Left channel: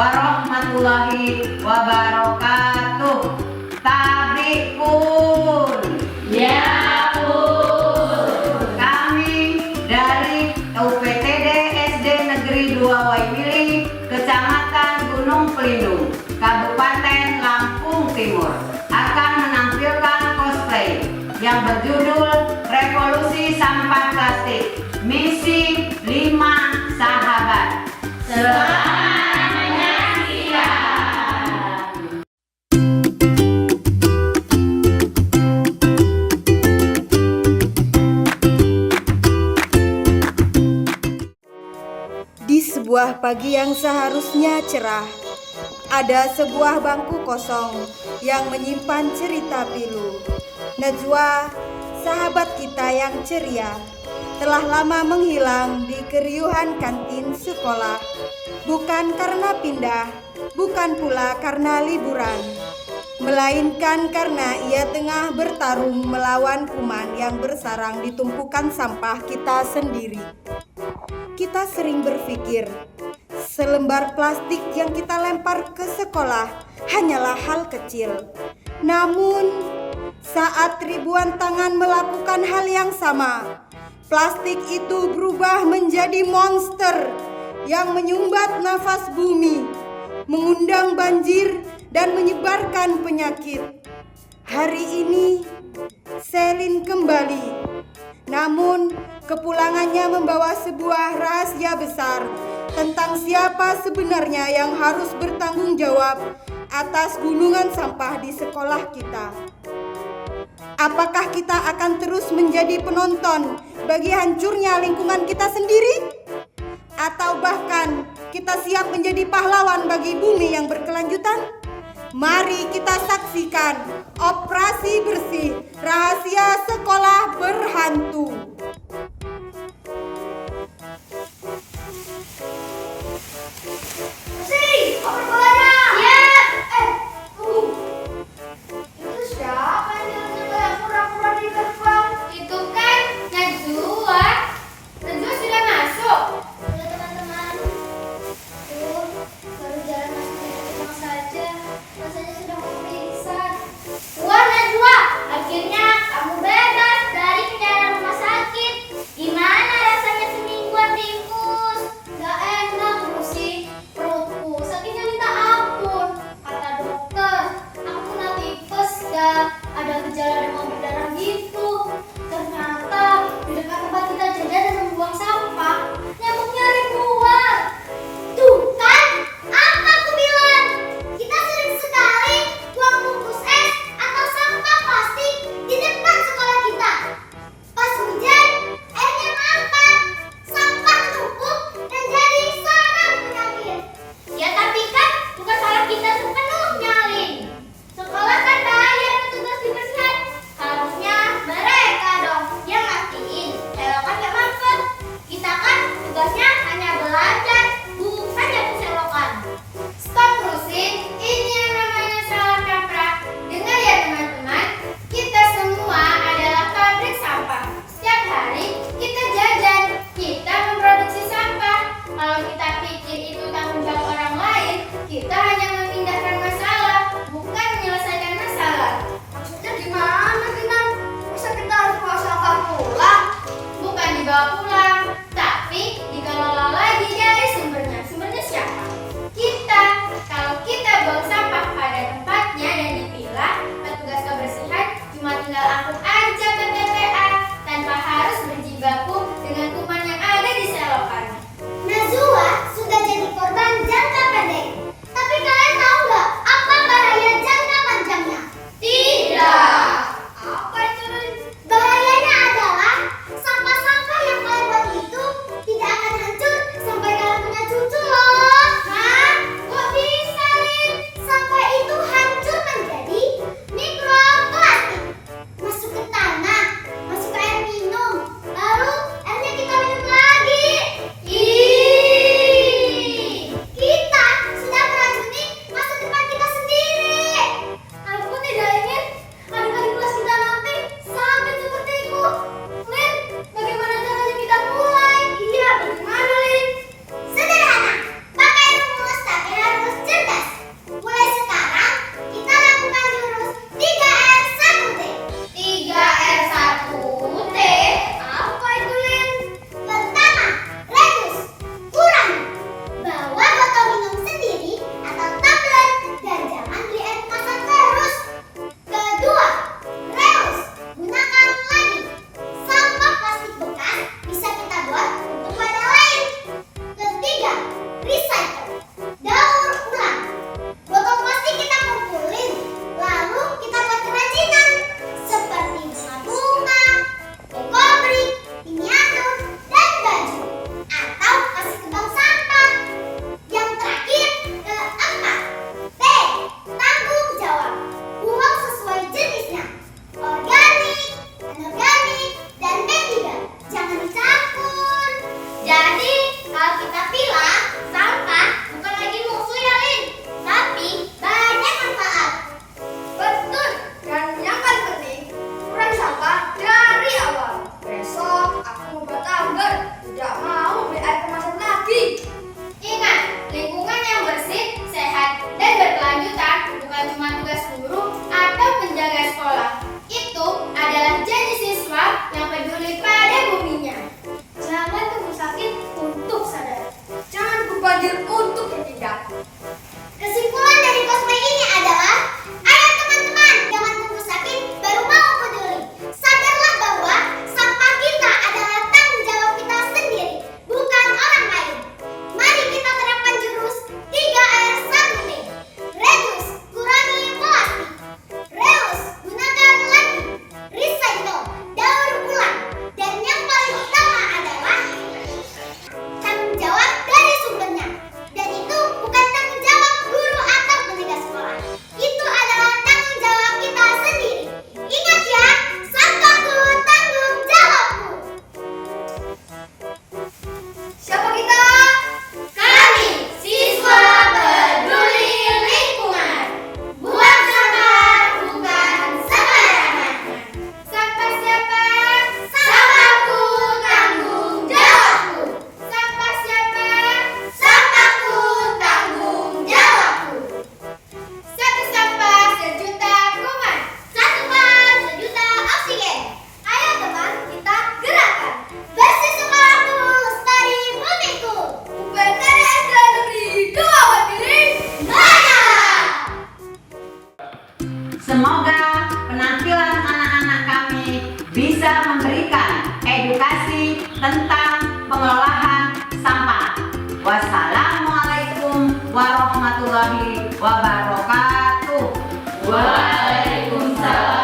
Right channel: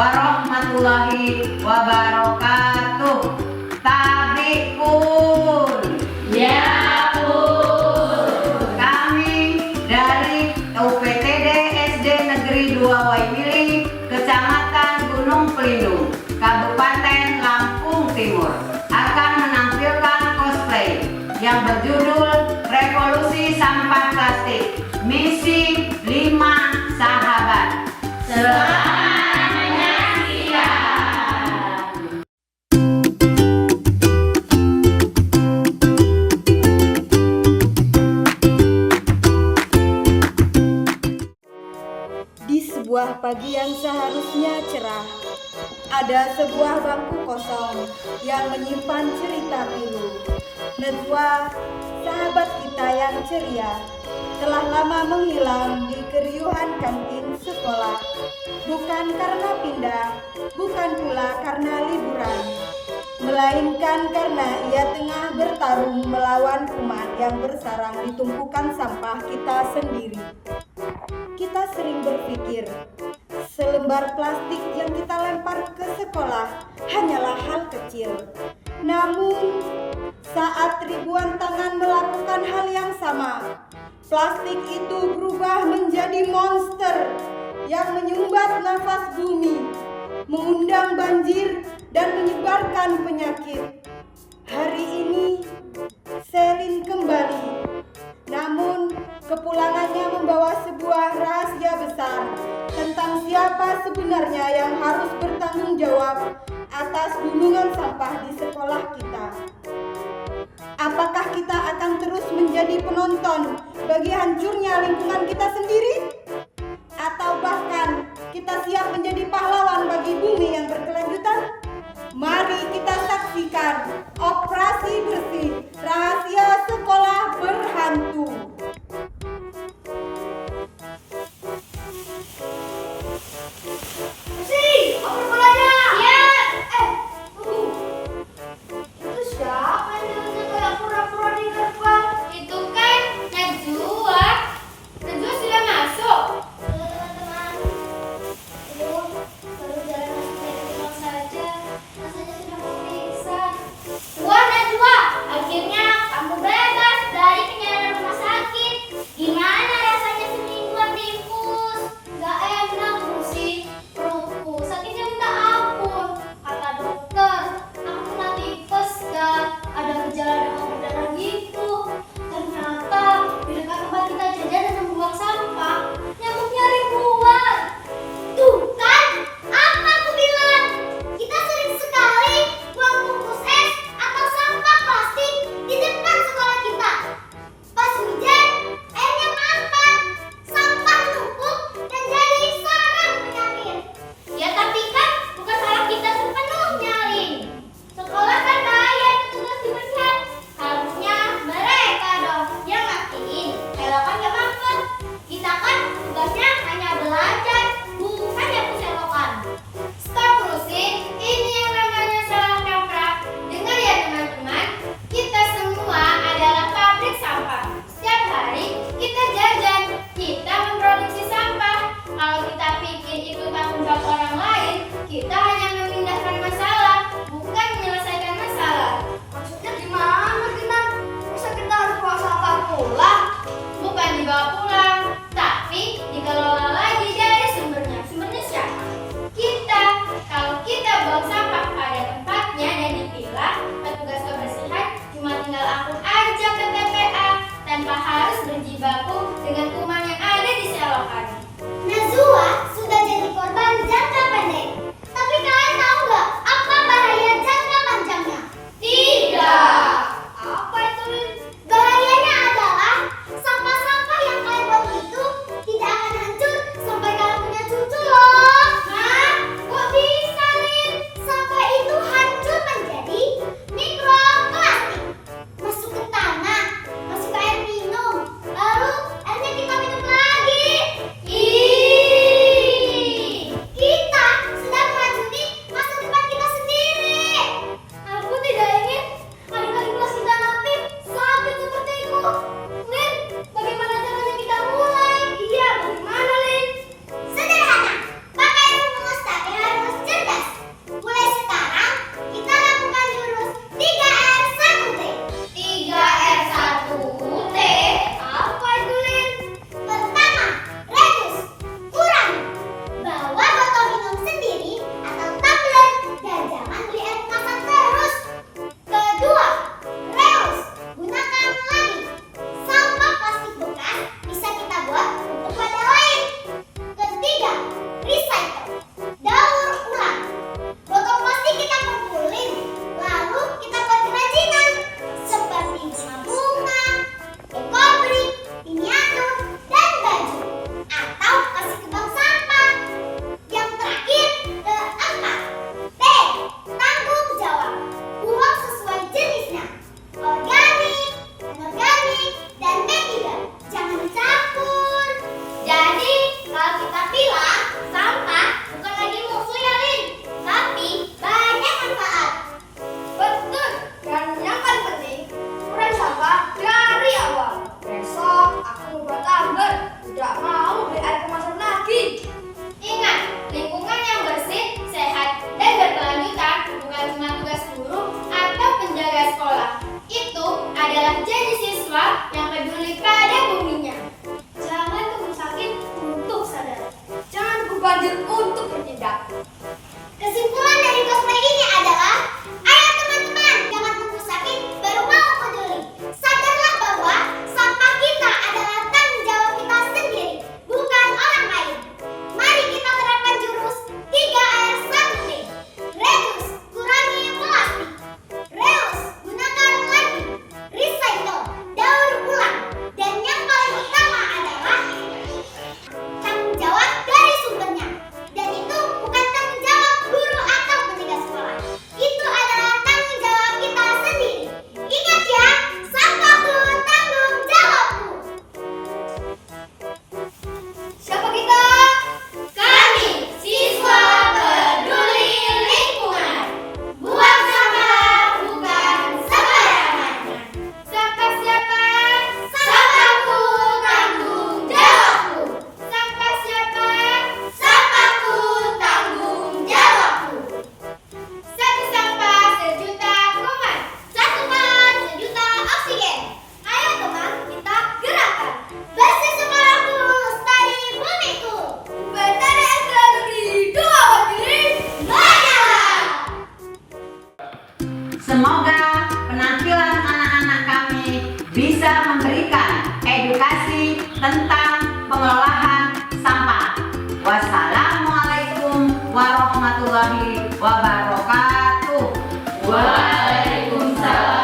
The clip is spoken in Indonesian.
warahmatullahi wabarakatuh. Tabikul. Ya, Bu. Kami dari UPTD SD Negeri 2 Waimili, Kecamatan Gunung Pelindung, Kabupaten Lampung Timur, akan menampilkan cosplay yang berjudul Revolusi Sampah Plastik, Misi 5 Sahabat. Selamat menyaksikan. Di sebuah pagi yang seharusnya cerah, ada sebuah bangku kosong yang menyimpan cerita pilu. Najwa, sahabat kita yang ceria, telah lama menghilang di keriuhan kantin sekolah. Bukan karena pindah, bukan pula karena liburan, melainkan karena ia tengah bertarung melawan kuman yang bersarang di tumpukan sampah kita sendiri. Kita sering berpikir, selembar plastik yang kita lempar ke sekolah hanyalah hal kecil. Namun, saat ribuan tangan melakukan hal yang sama, plastik itu berubah menjadi monster yang menyumbat nafas bumi, mengundang banjir, dan menyebarkan penyakit. Hari ini, Selin kembali. Namun, kepulangannya membawa sebuah rahasia besar tentang siapa sebenarnya yang harus bertanggung jawab atas gunungan sampah di sekolah kita. Apakah kita akan terus menjadi penonton bagi hancurnya lingkungan kita sendiri? Atau bahkan kita siap menjadi pahlawan bagi bumi yang berkelanjutan? Mari kita saksikan Operasi Bersih Rahasia Sekolah Berhantu. Oper bolanya. Ya. Tunggu. Itu siapa yang kayak pura-pura di gerbang? Itu kan Najwa. Najwa sudah masuk. Ya, teman-teman. Baru jalan masuk saja. Rasanya sudah mau pingsan. Wah, Najwa, akhirnya kamu bebas dari penjara rumah sakit. Gimana rasanya semingguan diinfus? Gak enak, sih. Perutku sakitnya minta ampun. Kata dokter, aku kena tipes dan ada gejala demam berdarah gitu. Ternyata di dekat tempat kita jajan dan membuang sampah, nyamuknya ribuan. Tuh kan, apa aku bilang? Kita sering sekali buang bungkus es atau sampah plastik di depan sekolah kita. Pas hujan, airnya mampet, sampah menumpuk dan jadi sarang penyakit. Ya tapi kan bukan salah kita sepenuhnya, Lin. Sekolah kan bayar petugas kebersihan. Harusnya mereka dong yang mastiin selokan gak mampet. Kita kan tugasnya hanya belajar, bukan yang selokan. Stop terusin, ini yang namanya salah kaprah. Dengar ya teman-teman, kita semua adalah pabrik sampah. Setiap hari kita jajan, kita memproduksi sampah. Kalau kita pikir itu tanggung jawab orang lain, kita hanya memindahkan masalah, bukan menyelesaikan masalah. Maksudnya gimana, Kinan? Bisa kita harus bawa sampah pulang? Bukan dibawa pulang, tapi dikelola lagi dari sumbernya. Sumbernya siapa? Kita. Kalau kita buang sampah pada tempatnya dan dipilah, petugas kebersihan cuma tinggal angkut aja ke TPA tanpa harus berjibaku dengan kuman yang ada di selokan. Najwa sudah jadi korban jangka pendek, tapi bisa memberikan edukasi tentang pengelolaan sampah. Wassalamualaikum warahmatullahi wabarakatuh. Waalaikumsalam.